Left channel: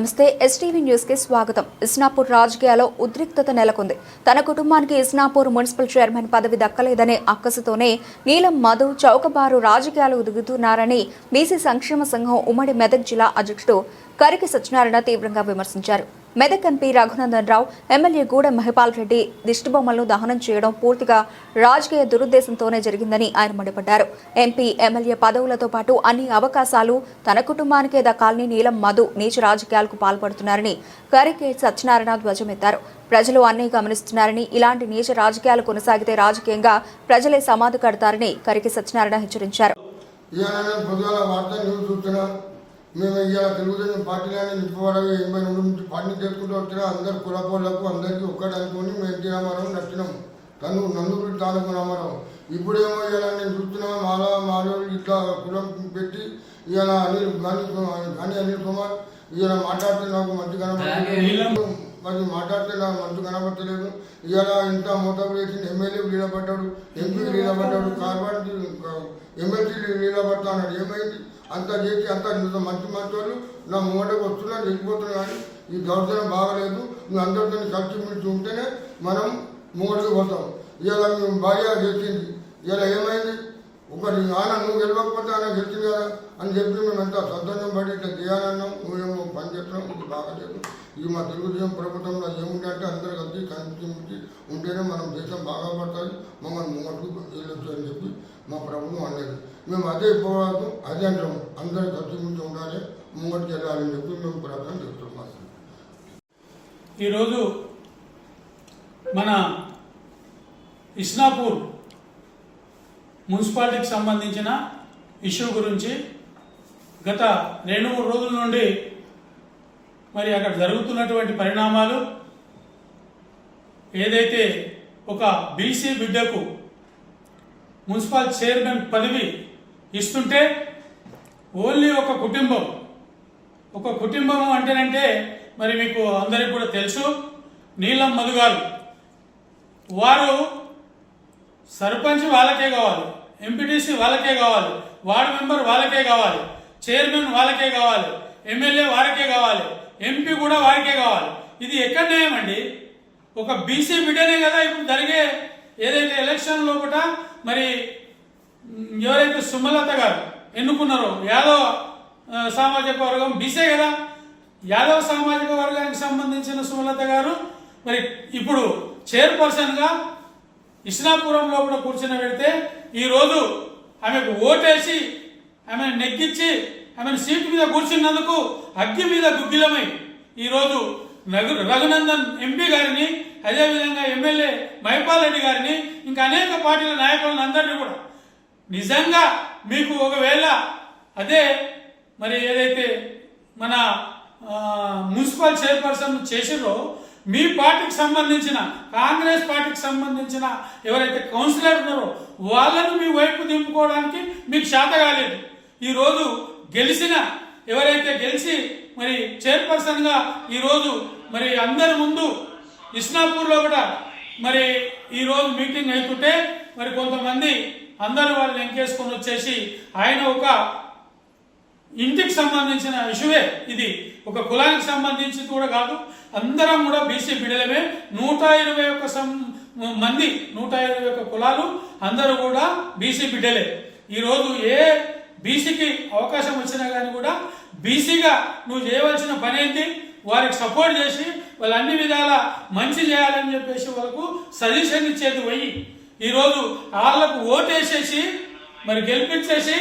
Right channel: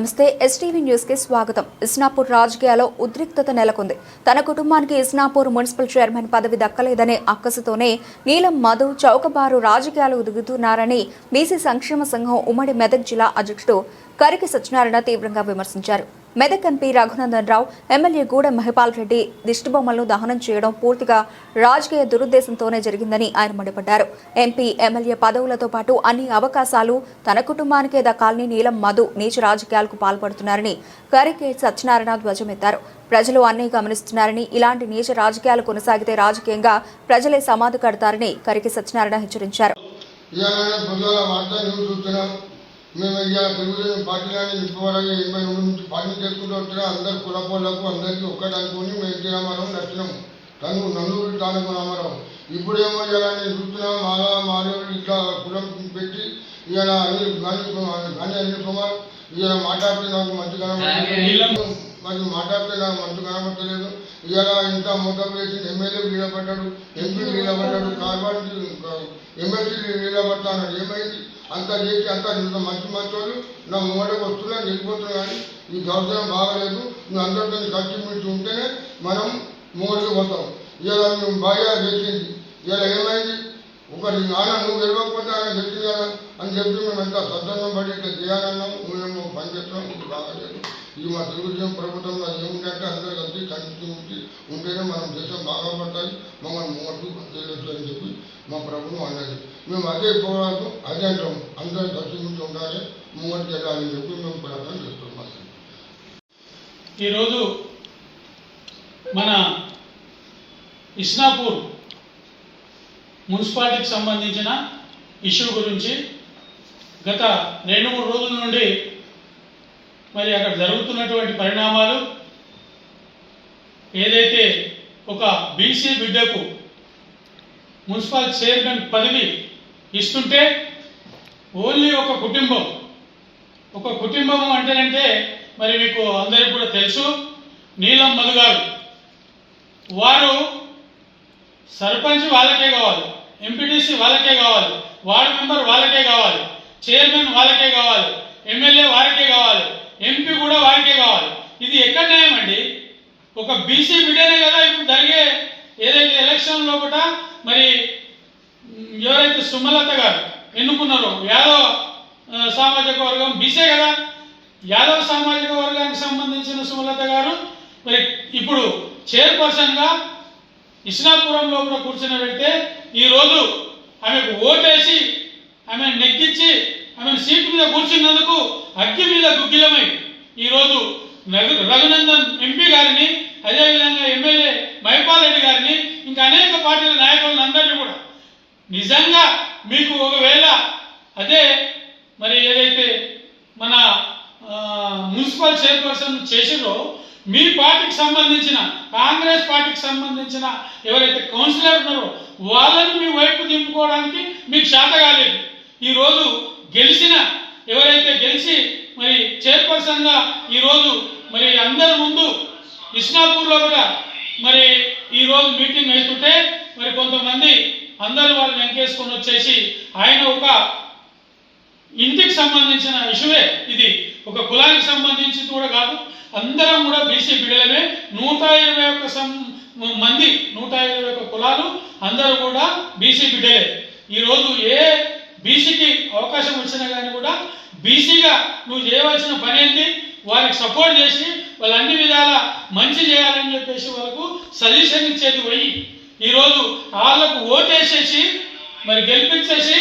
నమస్తే STV news కి స్వాగతం. ఇస్నాపూర్ రాజకీయాల్లో ఉద్రిక్తత నెలకొంది. తన కుటుంబానికి ఇస్నాపూర్ మున్సిపల్ చైర్మన్ పదవి దక్కలేదనే అక్కసుతోనే నీలం మధు చౌకబారు రాజకీయాలు దిగుతున్నారని బీసీ సంక్షేమ సంఘం ఉమ్మడి మెదక్ జిల్లా అధ్యక్షుడు కరికి సత్యనారాయణ తీవ్రంగా విమర్శించారు. మెదక్ ఎంపీ రఘునందన్ రావు, ఎమ్మెల్యే గూడెం మహిపాల్ రెడ్డి దిష్టిబొమ్మలను దహనం చేయడం పూర్తిగా రాజకీయ దురుద్దేశంతోనే జరిగిందని ఆయన మండిపడ్డారు. ఎంపీ, ఎమ్మెల్యే పదవులతో పాటు అన్ని అవకాశాలు తన కుటుంబానికే దక్కాలని నీలం మధు నీచ రాజకీయాలకు పాల్పడుతున్నారని కరికి సత్యనారాయణ ధ్వజమెత్తారు. ప్రజలు అన్నీ గమనిస్తున్నారని, ఇలాంటి నీచ రాజకీయాలు కొనసాగితే రాజకీయంగా ప్రజలే సమాధి కడతారని కరికి సత్యనారాయణ హెచ్చరించారు. మేము ఇవాళ తెలుగుదేశం పార్టీలోనే నిప్పవరగా 82 నుంచి పార్టీ చేసుకుంటూ వచ్చినా అందరు కులపోళ్లకు అందరికీ ఒక్కటి అనుకుని మేము ఎన్టీ రామారావు నచ్చినాము. నన్ను తాలూకు రామారావు ఇప్పుడేమో ఇలా నేను చూస్తున్నాము మాలో ఇట్లా కులం పెట్టి ఇవాళ అనిల్ కుమార్ ఇవాళ మాట్లాడితే నాకు మంచి కనబడలేదు, మరి మాట్లాడితే నాకు మంచి కనబడతలేదు. ఇవాళ ఇంత మోటార్ వేసి ఎమ్మెల్యే నిలబడ్డాడు, ఎంపీ నిలబడ్డాడు, కార్పొరేట్ ఎమ్మెల్సీ నిలబడతాడు. ఏమైంది? అంత చేసి అంత మంచి వాళ్ళు నా ముంగటకు వస్తున్నా వెళ్ళిపోతున్నా. కానీ ఈ దౌర్జన్యం బాగలేదు. నువ్వు అందరితో కలిసి మిలిచి ఉంటేనే మనం ముంగడికి పోతాం. ఇలా మేము బాగా చేసింది. ఇలా ఏమైంది? ఒకరి నాన్న నువ్వు గెలవకపోతే ఆయన గెలిచింది కదా అని చెప్పి మేము ఎంత సద్దన్నం పడి ఇట్లా చేయాలన్నాం. నువ్వేమో పని చేస్తున్నాం, ఇది బాగాలేదు. ఇది మా తెలుగుదేశం ప్రభుత్వంలో ఏముందంటే అందరూ కలిసి కలిసి ఉంటేనే మనం దేశం బాగా పడుతుంది, మమ్మల్ని ముంగట్టుకు వెళ్ళొచ్చు అని చెప్పి మా ప్రభుత్వం అన్నది. మేము అదే పోవాలి, అదే అంటాం. అందరూ కలిసి ముందు ఉండాలి, ముంగట్టుకు వెళ్ళాలని చెప్పి మేము ప్రార్థన చేస్తున్నాం. ఈరోజు మన ఇస్నాపూర్ మున్సిపాలిటీకి సంబంధించిన ఇష్యూ గురించి గత 2-3 రోజుల నుండి మరి అక్కడ జరుగుతున్నటువంటి పరిణామాలు, ఏదైతే ఒక బీసీ బిడ్డకు మున్సిపల్ చైర్మన్ పదవి ఇస్తుంటే ఓన్లీ ఒక కుటుంబం అంటేనంటే మరి మీకు అందరికీ కూడా తెలుసు, నీలం మధు గారు. వారు సర్పంచ్ వాళ్ళకే కావాలి, ఎంపీటీసీ వాళ్ళకే కావాలి, వార్డు మెంబర్ వాళ్ళకే కావాలి, చైర్మన్ వాళ్ళకే కావాలి, ఎమ్మెల్యే వారికే కావాలి, ఎంపీ కూడా వారికే కావాలి. ఇది ఎక్కడ న్యాయం అండి? ఒక బీసీ బిడ్డనే కదా ఇప్పుడు జరిగే ఏదైతే ఎలక్షన్ లోపల మరి ఎవరైతే సుమలత గారు ఎన్నుకున్నారో యాదవ సామాజిక వర్గం బీసీ కదా, యాదవ సామాజిక వర్గానికి సంబంధించిన సుమలత గారు మరి ఇప్పుడు చైర్పర్సన్గా ఇస్నాపురం లోపల కూర్చొని పెడితే ఈరోజు ఆమెకు ఓటేసి ఆమెను నెగ్గించి ఆమెను సీటు మీద కూర్చున్నందుకు అగ్గి మీద గుగ్గిలమై ఈరోజు రఘునందన్ ఎంపీ గారిని, అదేవిధంగా ఎమ్మెల్యే మహిపాల్ రెడ్డి గారిని, ఇంకా అనేక పార్టీల నాయకులను అందరినీ కూడా నిజంగా మీకు ఒకవేళ అదే మరి ఏదైతే మన మున్సిపల్ చైర్పర్సన్ చేసిరో మీ పార్టీకి సంబంధించిన, కాంగ్రెస్ పార్టీకి సంబంధించిన ఎవరైతే కౌన్సిలర్ ఉన్నారో వాళ్ళని మీ వైపు దింపుకోవడానికి మీకు చేత కాలేదు. ఈరోజు ఎవరైతే గెలిచి మరి చైర్పర్సన్గా ఈరోజు మరి అందరి ముందు ఇస్నాపూర్లో కూడా మరి ఈరోజు మీటింగ్ అవుతుంటే మరి కొంతమంది అందరూ వాళ్ళని వెంకేసుకొని వచ్చేసి ఆయన ఒక ఇంటికి సంబంధించిన ఇష్యూవే, ఇది ఒక కులానికి సంబంధించి కూడా కాదు, అందరం కూడా బీసీ బిడ్డలమే. 121 మంది 121 కులాలు అందరూ కూడా బీసీ బిడ్డలే. ఈరోజు ఏ బీసీకి అవకాశం వచ్చినా కానీ కూడా బీసీగా నువ్వు చేయవలసిన పని ఏంటి? వారికి సపోర్ట్ చేసి వాళ్ళు అన్ని విధాల మంచి చేయాలని చెప్పేసి వాళ్ళకు సజెషన్ ఇచ్చేది పోయి ఈరోజు వాళ్ళకు ఓటేసేసి మరి గెలిపించేసి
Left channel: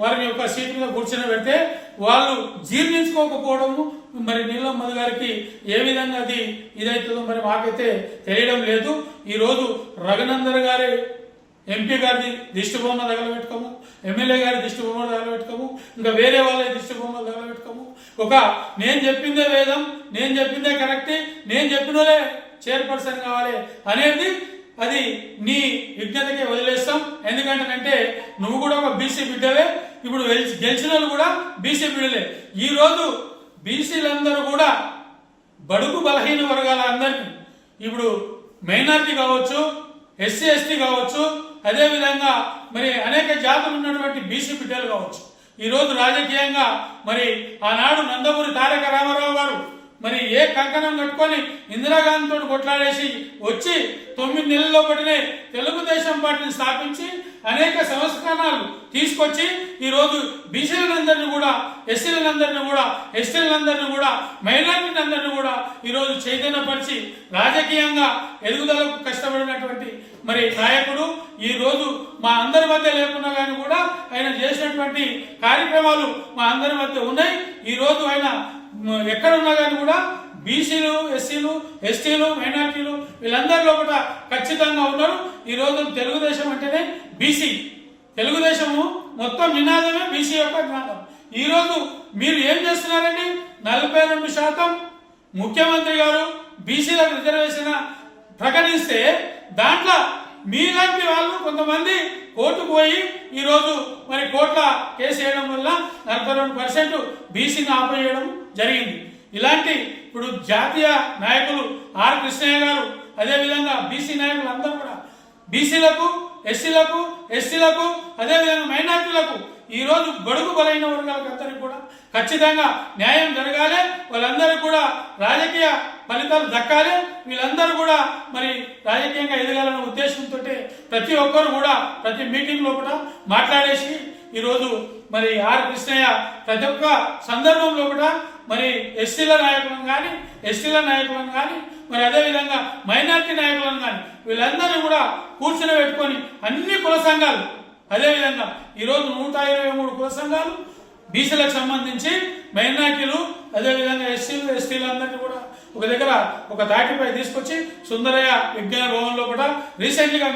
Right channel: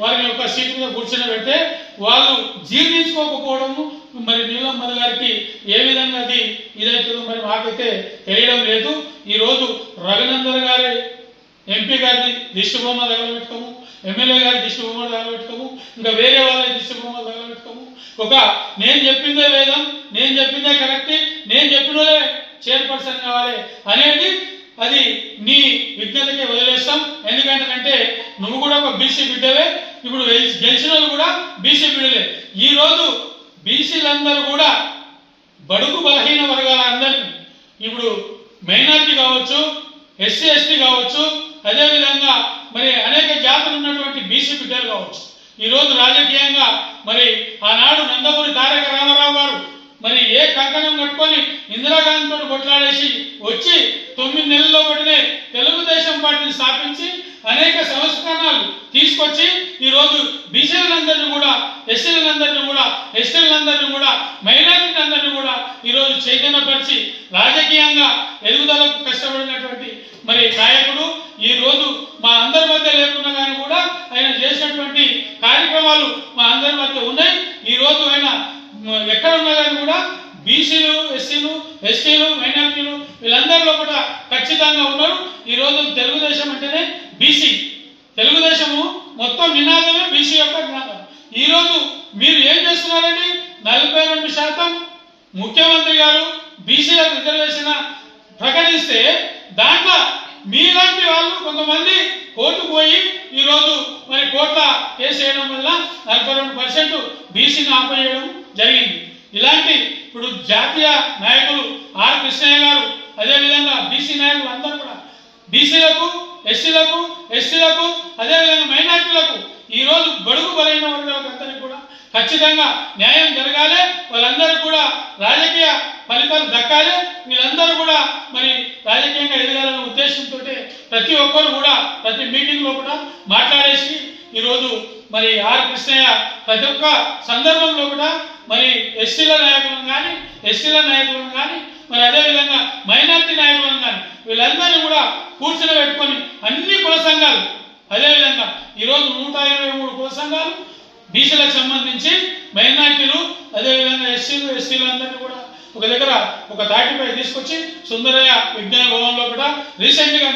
వారిని ఒక సీటు మీద కూర్చొని పెడితే వాళ్ళు జీర్ణించుకోకపోవడము మరి నీలం మధు గారికి ఏ విధంగా అది ఇదవుతుందో మరి మాకైతే తెలియడం లేదు. ఈరోజు రఘునందన్ గారి ఎంపీ గారిది దిష్టి బొమ్మలు తగలబెట్టుకోము, ఎమ్మెల్యే గారి దిష్టి బొమ్మలు తగలబెట్టుకోము, ఇంకా వేరే వాళ్ళ దిష్టి బొమ్మలు తగలబెట్టుకోము. ఒక నేను చెప్పిందే వేదం, నేను చెప్పిందే కరెక్ట్, నేను చెప్పినోలే చైర్పర్సన్ కావాలి అనేది అది నీ విజ్ఞతకే వదిలేస్తాం. ఎందుకంటే నువ్వు కూడా ఒక బీసీ బిడ్డవే, ఇప్పుడు గెలిచిన వాళ్ళు కూడా బీసీ బిడ్డలే. ఈరోజు బీసీలందరూ కూడా బడుగు బలహీన వర్గాల అందరినీ, ఇప్పుడు మైనారిటీ కావచ్చు, ఎస్సీ ఎస్టీ కావచ్చు, అదేవిధంగా మరి అనేక జాతులు ఉన్నటువంటి బీసీ బిడ్డలు కావచ్చు, ఈరోజు రాజకీయంగా మరి ఆనాడు నందమూరి తారక రామారావు గారు మరి ఏ కంకణం కట్టుకొని ఇందిరాగాంధీతో కొట్లాడేసి వచ్చి 9 నెలల్లో పడినే తెలుగుదేశం పార్టీని స్థాపించి అనేక సంస్కరణలు తీసుకొచ్చి ఈరోజు బీసీలందరినీ కూడా, ఎస్సీలందరినీ కూడా, ఎస్టీలందరినీ కూడా, మైనారిటీలందరినీ కూడా ఈరోజు చైతన్యపరిచి రాజకీయంగా ఎదుగుదలకు కష్టపడినటువంటి మరి నాయకుడు ఈరోజు మా అందరి మధ్య లేకున్నా కానీ కూడా ఆయన చేసినటువంటి కార్యక్రమాలు మా అందరి మధ్య ఉన్నాయి. ఈరోజు ఆయన ఎక్కడ ఉన్నా కానీ కూడా బీసీలు, ఎస్సీలు, ఎస్టీలు, మైనారిటీలు వీళ్ళందరిలో కూడా ఖచ్చితంగా ఉన్నారు. ఈరోజు తెలుగుదేశం అంటేనే బీసీ, తెలుగుదేశము మొత్తం నినాదమే బీసీ యొక్క నినాదం. ఈరోజు మీరు ఏం చేస్తున్నారండి? 42% ముఖ్యమంత్రి గారు బీసీలకు రిజర్వేషన్ ప్రకటిస్తే దాంట్లో మీలాంటి వాళ్ళు కొంతమంది కోర్టుకు పోయి ఈరోజు మరి కోర్టుల కేసు వేయడం వల్ల 42% బీసీని ఆపేయడం జరిగింది. ఇలాంటి ఇప్పుడు జాతీయ నాయకులు ఆర్ కృష్ణయ్య గారు, అదేవిధంగా బీసీ నాయకులు అందరూ కూడా బీసీలకు, ఎస్సీలకు, ఎస్టీలకు, అదేవిధంగా మైనార్టీలకు ఈరోజు బడుగు బలైన వర్గాలకు అందరికీ కూడా ఖచ్చితంగా న్యాయం జరగాలి. వాళ్ళందరికీ కూడా రాజకీయ ఫలితాలు దక్కాలి. వీళ్ళందరూ కూడా మరి రాజకీయంగా ఎదగాలనే ఉద్దేశంతో ప్రతి ఒక్కరు కూడా ప్రతి మీటింగ్లో కూడా మాట్లాడేసి ఈరోజు మరి ఆర్ కృష్ణయ్య ప్రతి ఒక్క సందర్భంలో కూడా మరి ఎస్టీల నాయకులను కానీ, ఎస్టీల నాయకులను కానీ, మరి అదేవిధంగా మైనార్టీ నాయకులను కానీ వీళ్ళందరినీ కూడా కూర్చుని పెట్టుకొని అన్ని కుల సంఘాలు, అదేవిధంగా ఈరోజు 123 కుల సంఘాలు బీసీలకు సంబంధించి, మైనార్టీలు, అదేవిధంగా ఎస్సీలు, ఎస్టీలు అందరినీ కూడా ఒక దగ్గర ఒక తాటిపై తీసుకొచ్చి సుందరయ్య విజ్ఞాన భవన్లో కూడా రీసెంట్గా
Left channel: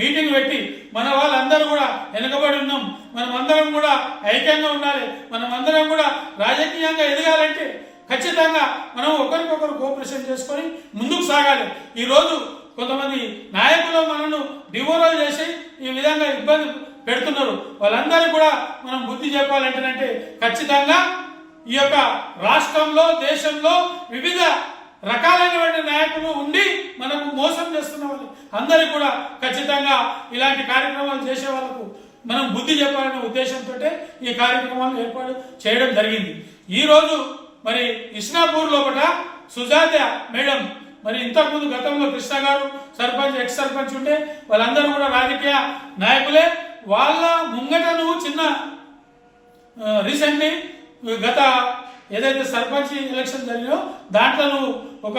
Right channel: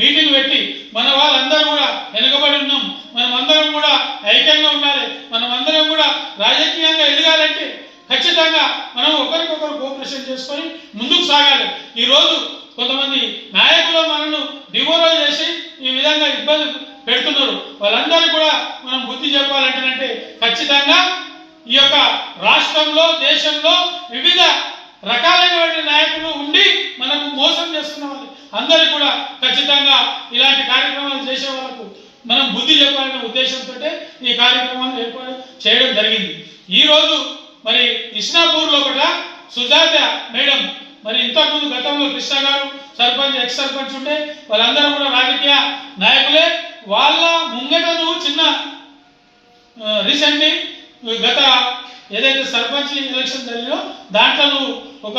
మీటింగ్ పెట్టి మన వాళ్ళందరూ కూడా వెనుకబడి ఉన్నాం, మనం అందరం కూడా ఐక్యంగా ఉండాలి, మనం అందరం కూడా రాజకీయంగా ఎదగాలంటే ఖచ్చితంగా మనం ఒకరికొకరు కోఆపరేషన్ చేసుకొని ముందుకు సాగాలి. ఈరోజు కొంతమంది నాయకులు మనను డిమోరల్ చేసి ఈ విధంగా ఇబ్బంది పెడుతున్నారు. వాళ్ళందరూ కూడా మనం బుద్ధి చెప్పాలంటే ఖచ్చితంగా ఈ యొక్క రాష్ట్రంలో, దేశంలో వివిధ రకాలైనటువంటి నాయకులు ఉండి మనకు మోసం చేస్తున్న వాళ్ళు అందరూ కూడా ఖచ్చితంగా ఇలాంటి కార్యక్రమాలు చేసే వాళ్ళకు మనం బుద్ధి చెప్పాలనే ఉద్దేశంతో ఈ కార్యక్రమాన్ని ఏర్పాటు చేయడం జరిగింది. ఈరోజు మరి ఇస్నాపూర్ లోపల సుజాత మేడం, మరి ఇంతకుముందు గతంలో కృష్ణ గారు సర్పంచ్, ఎక్స్ సర్పంచ్ ఉంటే వాళ్ళందరూ కూడా రాజకీయ నాయకులే. వాళ్ళ ముంగటను చిన్న రీసెంట్లీ గత ఏదైతే సర్పంచ్ ఎలక్షన్ జరిగిందో దాంట్లో నువ్వు ఒక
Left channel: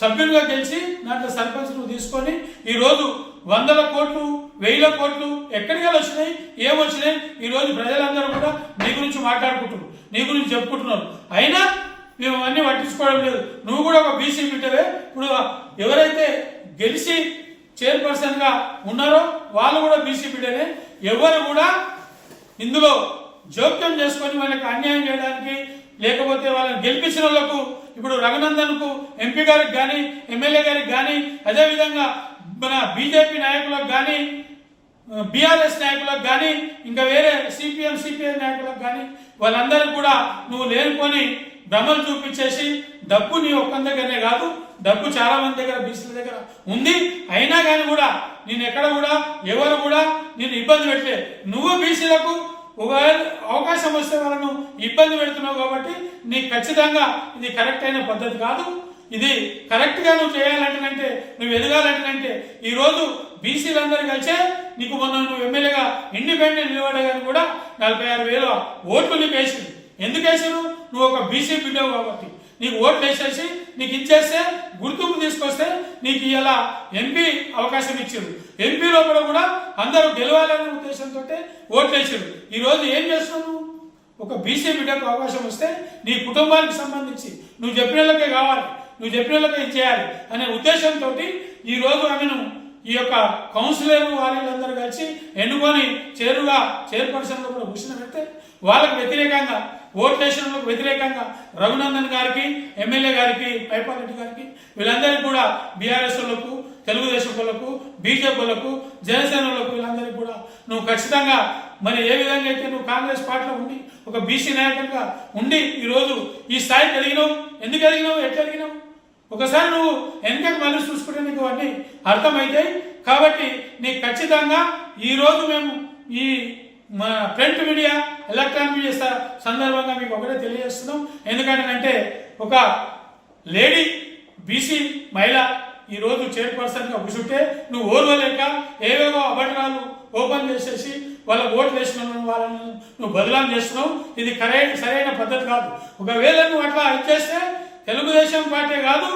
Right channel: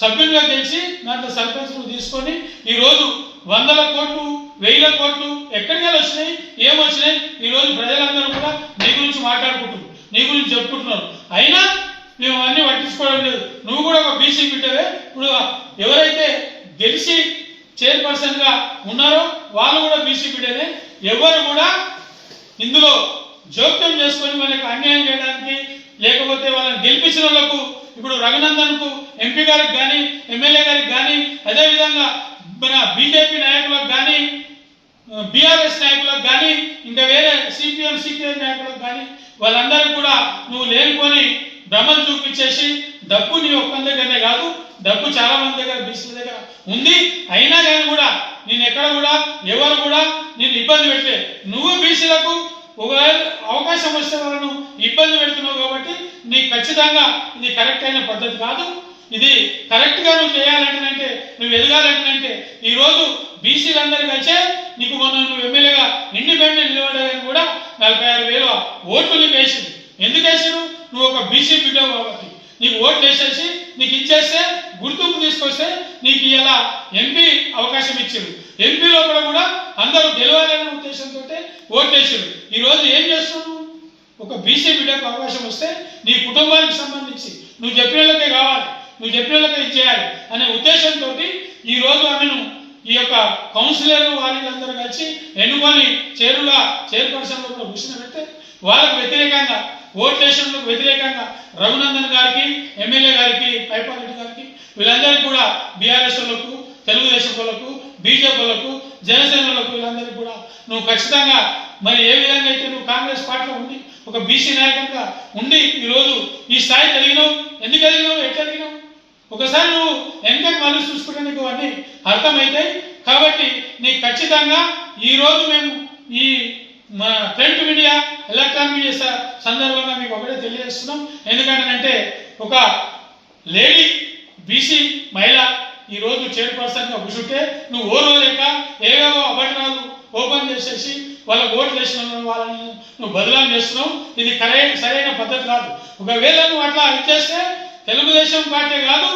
సభ్యునిగా గెలిచి దాంట్లో సర్పంచ్ నువ్వు తీసుకొని ఈరోజు 100 కోట్లు, 1000 కోట్లు ఎక్కడికి వచ్చినాయి, ఏమొచ్చినాయి, ఈరోజు ప్రజలందరూ కూడా నీ గురించి మాట్లాడుకుంటున్నారు, నీ గురించి చెప్పుకుంటున్నారు. అయినా మేము అన్నీ పట్టించుకోవడం లేదు. నువ్వు కూడా ఒక బీసీ బిడ్డవే. ఇప్పుడు ఎవరైతే గెలిచి చైర్పర్సన్గా ఉన్నారో వాళ్ళు కూడా బీసీ బిడ్డనే. ఎవరు కూడా ఇందులో జోక్యం చేసుకొని వాళ్ళకి అన్యాయం చేయడానికి, లేకపోతే వాళ్ళని గెలిపించిన వాళ్ళకు ఇప్పుడు రఘునందన్కు ఎంపీ గారికి కానీ, ఎమ్మెల్యే గారికి కానీ, అదేవిధంగా మన బీజేపీ నాయకులకు కానీ, బీఆర్ఎస్ నాయకులకు కానీ, ఇంకా వేరే సిపిఎం, సిపిఐ నాయకులకు కానీ వాళ్ళందరికీ కూడా నువ్వు లేనిపోని భ్రమలు చూపించేసి డబ్బు నీ ఒక్కరి దగ్గరనే కాదు, డబ్బు చాలా మంది దగ్గర, బీసీల దగ్గర ఉంది. అయినా కానీ కూడా నేను ఎక్కడ కూడా ఎవరు కూడా నేను ఇబ్బంది పెట్టలే. నువ్వు బీసీలకు ఒకవేళ అవకాశం వస్తే వాళ్ళను ఇబ్బంది పెడుతున్నావు కాబట్టి నీకు ఖచ్చితంగా ఇది కరెక్ట్ అయిన పద్ధతి కాదు. ఇది కరెక్ట్గా నువ్వు చేయాలంటే, నువ్వు ఎదగాలంటే ఈరోజు బీసీలందరూ కలిసే నీకు మొన్న నువ్వు ఎమ్మెల్యేగా ఇండిపెండెంట్ నిలబడగానే కూడా 46,000 ఓట్లు నీకు వేసింది. ఎందుకు వేసారు? నువ్వు ఒక బీసీ బిడ్డవు కాబట్టి నీకు ఓట్లు వేసేసి నీకు ఇచ్చేస్తే, గుర్తింపు తీసుకొస్తే నీకు ఇలా ఎంపీ అవకాశం ఇచ్చారు. ఎంపీ లోపల కూడా అందరూ గెలవాలనే ఉద్దేశంతో ఓట్లు వేసారు. ఈరోజు ఏం చేస్తున్నావు? ఒక బీసీ బిడ్డకు అవకాశం వస్తే నీ కుటుంబానికి సంబంధించి నువ్వు చెప్పిన వాళ్ళకే కావాలి, నువ్వు చెప్పిన వాళ్ళకే ఇచ్చేయాలి అనే ఉద్దేశంతో ఈరోజు ఆమెను ఈ యొక్క కౌన్సిలర్లు వాళ్ళందరూ కలిసి ఎన్నుకొని చైర్పర్సన్లో కూడా కూర్చోబెడితే వాళ్ళకు వ్యతిరేకంగా, ఓట్లేషన్లకు వ్యతిరేకంగా రఘునందన్ గారికి, ఎమ్మెల్యే గారికి, పైపాలరెడ్డి గారికి వీళ్ళందరికీ కూడా బీఆర్ఎస్ వాళ్ళకు, తెలుగుదేశం వాళ్ళకు, బీజేపీ వాళ్ళకు, జనసేన వాళ్ళకు వీళ్ళందరికీ కూడా నువ్వు ఖచ్చితంగా మరి ఏ విధంగా అయితే నువ్వు కాంగ్రెస్ పార్టీలో ఉండి ఒక బీసీ నాయకుడిగా ఉండి ఈరోజు ఈ స్థాయికి ఎదిగినావు. ఎందుకు ఎదిగినావు? ఎట్లా ఎదిగినావు? ఒకసారి నువ్వు వెనకకి మళ్ళీ చూసుకుంటే నీకు అన్నీ అర్థమవుతాయి. కాబట్టి నీకు ఖచ్చితంగా ఈరోజు మేము ఈ మన ప్రింట్ మీడియా ఎలక్ట్రానిక్ మీడియా సందర్భంగా మీకు ఒకటే తెలియజేస్తున్నాం. ఎందుకంటే ఒక లేడీ బీసీ మహిళ ఈరోజు చైర్పర్సన్గా కూర్చుంటే నువ్వు ఓర్వలేక ఏవేవో అబద్ధాలు ఓపెన్ చేసేసి వాళ్ళకు ఓట్లు వేసిన వాళ్ళని నువ్వు బదలాం చేస్తున్నావు. ఇది సరైన పద్ధతి కాదు. ఒకవేళ నువ్వు అట్లా ఇచ్చేస్తే తెలుగుదేశం పార్టీ కాదు,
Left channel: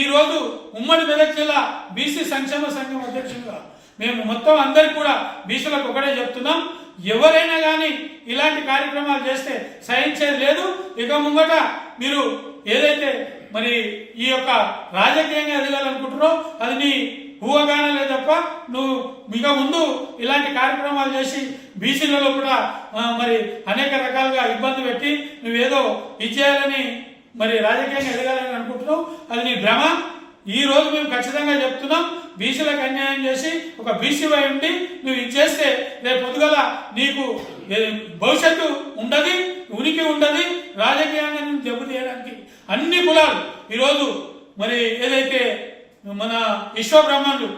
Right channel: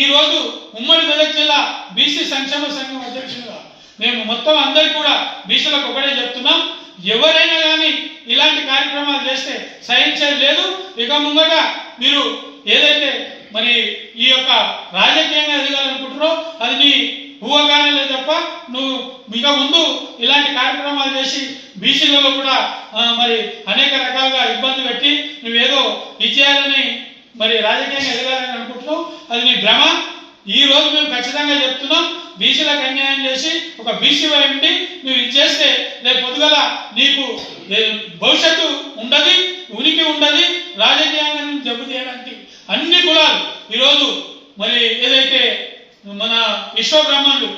ఈరోజు ఉమ్మడి మెదక్ జిల్లా బీసీ సంక్షేమ సంఘం అధ్యక్షులుగా మేము మొత్తం అందరికీ కూడా బీసీలకు ఒకటే చెప్తున్నాం, ఎవరైనా కానీ ఇలాంటి కార్యక్రమాలు చేస్తే సహించేది లేదు. ఇక ముంగట మీరు ఏదైతే మరి ఈ యొక్క రాజకీయంగా ఎదగాలనుకుంటున్నారో అది నీ ఊహగానే లేదు తప్ప నువ్వు ఇక ముందు ఇలాంటి కార్యక్రమాలు చేసి బీసీలలో కూడా మరి అనేక రకాలుగా ఇబ్బంది పెట్టి నువ్వేదో ఇచ్చేయాలని మరి రాజకీయంగా ఎదగాలని అనుకుంటున్నావు, అది నీ భ్రమ. ఈ రోజు మేము ఖచ్చితంగా చెప్తున్నాం, బీసీలకు అన్యాయం చేసి ఒక బీసీ వై ఉండి నువ్వు ఇచ్చేస్తే రేపు పొద్దుగల నీకు భవిష్యత్తు ఉండదు, ఉనికి ఉండదు. రాజకీయంగా నేను దెబ్బతీయడానికి అన్ని కులాలు ఈరోజు మరి ఏదైతే మన విశ్వబ్రహ్మణులు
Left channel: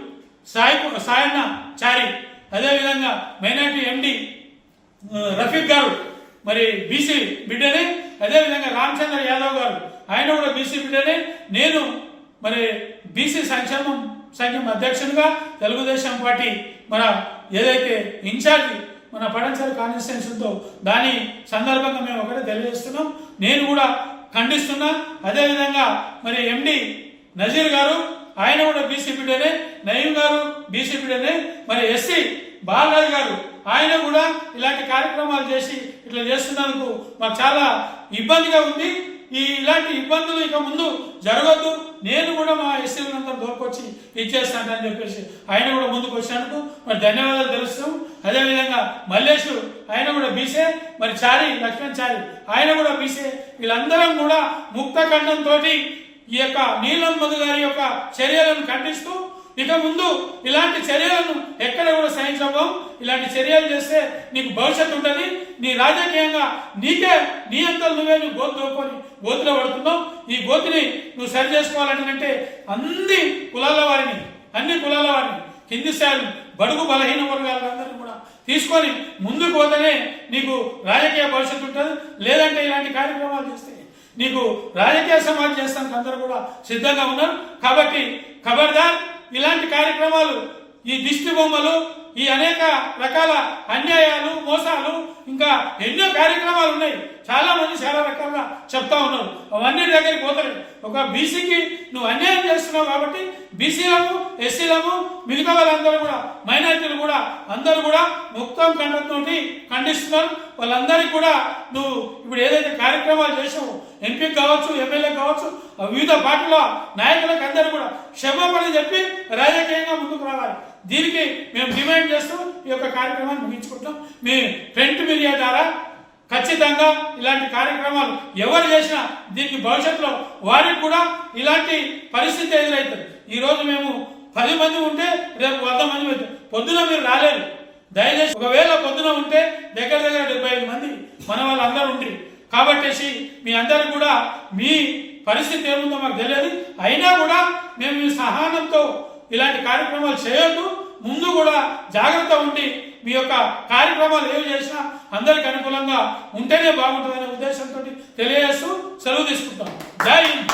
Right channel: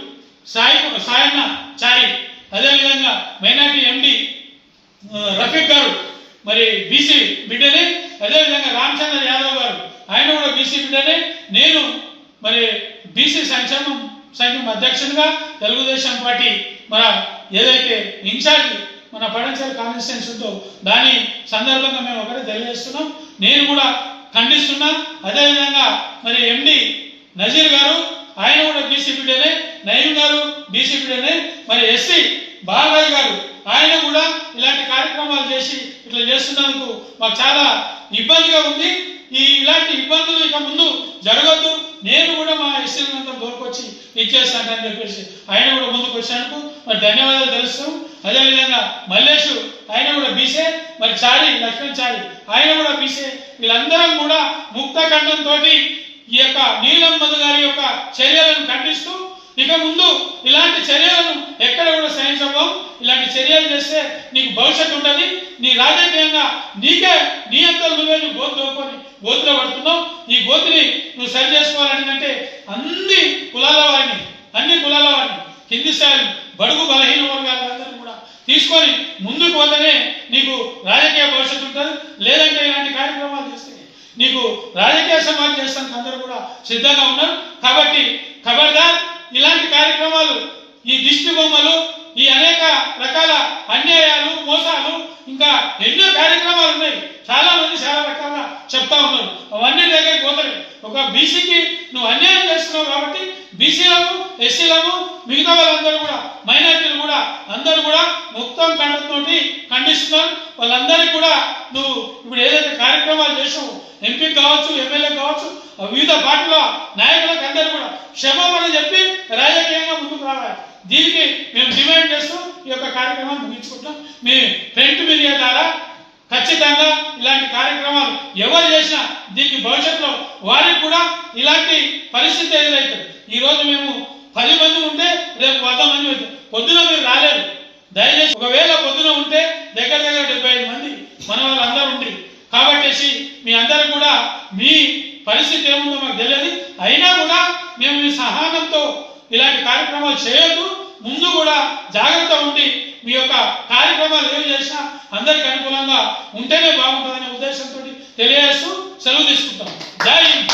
సాయన్న చారి, అదేవిధంగా మైనార్టీ ఎండి రఫీక్ గారు మరి బీసీ బిడ్డనే, అదేవిధంగా రామచంద్ర యాదవ్ గారు ఆయన కూడా బీసీ బిడ్డనే, నేను మరి బీసీ సంఘం అధ్యక్షునిగా తెలుగుదేశం పార్టీ మన ఏదైతే ఇన్ఛార్జ్ మన పడంచేరు కాన్స్టిట్యున్సీ ఉందో దాని సందర్భంగా మేము ఒకటే తెలియజేస్తున్నాం. నేను కూడా ఖండిస్తున్నా. అదేవిధంగా మరి ఎండి నజీర్ గారు ఆయన కూడా బీసీ బిడ్డనే, నయీం గారు బీసీ బిడ్డనే, మరి ఎస్సీ బాలరాజు గారు ఆయన కూడా ఇలాంటి కార్యక్రమాలు చేసి ఇట్లా చేస్తున్నందుకు మాకు చాలా ఇబ్బందిగా ఉంది. ఇలాంటి ఇబ్బందులు ఇక ముందు జరగద్దు, నేను కూడా మా ఎస్సీలంతా దోరుకొచ్చి ఇచ్చేస్తానని చెప్పేసి ఆయన కూడా ముందుకు వచ్చినందుకు మరి ధన్యవాదాలు తెలుస్తాం. అదేవిధంగా మల్లేషు ఆయన కూడా బీసే, మరి చారి లక్ష్మణ్ చారి ఆయన కూడా బీసే. వీళ్ళందరం కూడా ముక్త ఖండంతో ఈ యొక్క నీలం మధు గారి యొక్క చర్యలను ఖండిస్తూ ఇక ముందు ఇలాంటి చర్యలను ఎక్కడ కూడా సహించబోం. ఇలాంటి చర్యలు చేస్తే నీకు భవిష్యత్తు ఉంటుంది. నీ రాజకీయంగా నీకే నీ అంతలు నువ్వే నువ్వు గోతులో పడుతున్నావు. ఈ గోతిని నువ్వు సరి చేసుకోవాలంటే అన్ని కులాల వారిని కింది స్థాయి బడుగు బలహీన వర్గాలందరినీ కూడా తీసుకొని ముందుకు పోతేనే నీకు రాజకీయ భవిష్యత్తు ఉంటుంది. లేదంటే ఇలాంటి కార్యక్రమాలు చేస్తే నీకు రాజకీయ సమాజం చేస్తానికి అందరూ కూడా సిద్ధంగా ఉన్నారు. కాబట్టి ఖబర్దార్, ఇలాంటి కార్యక్రమాలు, ఈ దిష్టి బొమ్మలు, ఈ అనేక రకాల అన్యాయాలు, మోసాలు, ఇంకా ఎన్నో కార్యక్రమాలు ఉన్నాయి. చాలా మంది చాలా రకాలుగా చెప్తా ఉన్నారు. అవన్నీ దగ్గరికి పోతారు. ఒక బీసీకి నువ్వు అన్యాయం చేస్తున్నావు కాబట్టి బీసీలను, ఎస్సీలను, మిగతా వాళ్ళందరూ కూడా, మైనార్టీలు కూడా అందరూ కూడా మొత్తం కంఠంతో ఖండిస్తున్నారు. వాళ్ళందరికీ కూడా నువ్వు ఇప్పుడు ఏదైతే కార్యక్రమాలు చేసావు, ఎంపీకి కావచ్చు, ఎమ్మెల్యే కావచ్చు, వివిధ పార్టీల నాయకులకు అందరూ కూడా క్షమాపణ చెప్పి రాజకీయంగా ముందుకు రావాలి. దీనికి మేము డిమాండ్ చేస్తూ ఈ యొక్క కార్యక్రమాన్ని ముగించుకుంటాం. మీ ప్రింట్ మీడియా ద్వారా ఖచ్చితంగా ఇలాంటి కార్యక్రమాలు ఎవరు చేసినా దీనికి భవిష్యత్తులో వారికి కూడా ఇలాంటి పరిస్థితి ఎదురవుతుంది. ఈరోజు మేము 10 మంది ఉంటే రేపు 100 మంది అవుతాం. పొద్దున మీరు రాలేరు, దయచేసి ఒకవేళ పొద్దున ఉంటే దగ్గర 75 మంది మన వాళ్ళందరూ ఉంటారు. కాబట్టి మీ అందరూ కూడా మీ పరిస్థితి ఏముందో మాకు తెలియదు. అయినా కూడా మేము మీ సహనంతో ఇలాంటి కార్యక్రమాలు చేయొద్దు. ముందు కూడా జాగ్రత్త ఉండి మీ యొక్క కార్యక్రమాలు ఏమి చేసినా అందరికి అనుకూలంగా ఉంటేనే బాగుంటుందనే ఉద్దేశంతో తెలియజేస్తూ సెలవు తీసుకుంటాం. జై హింద్.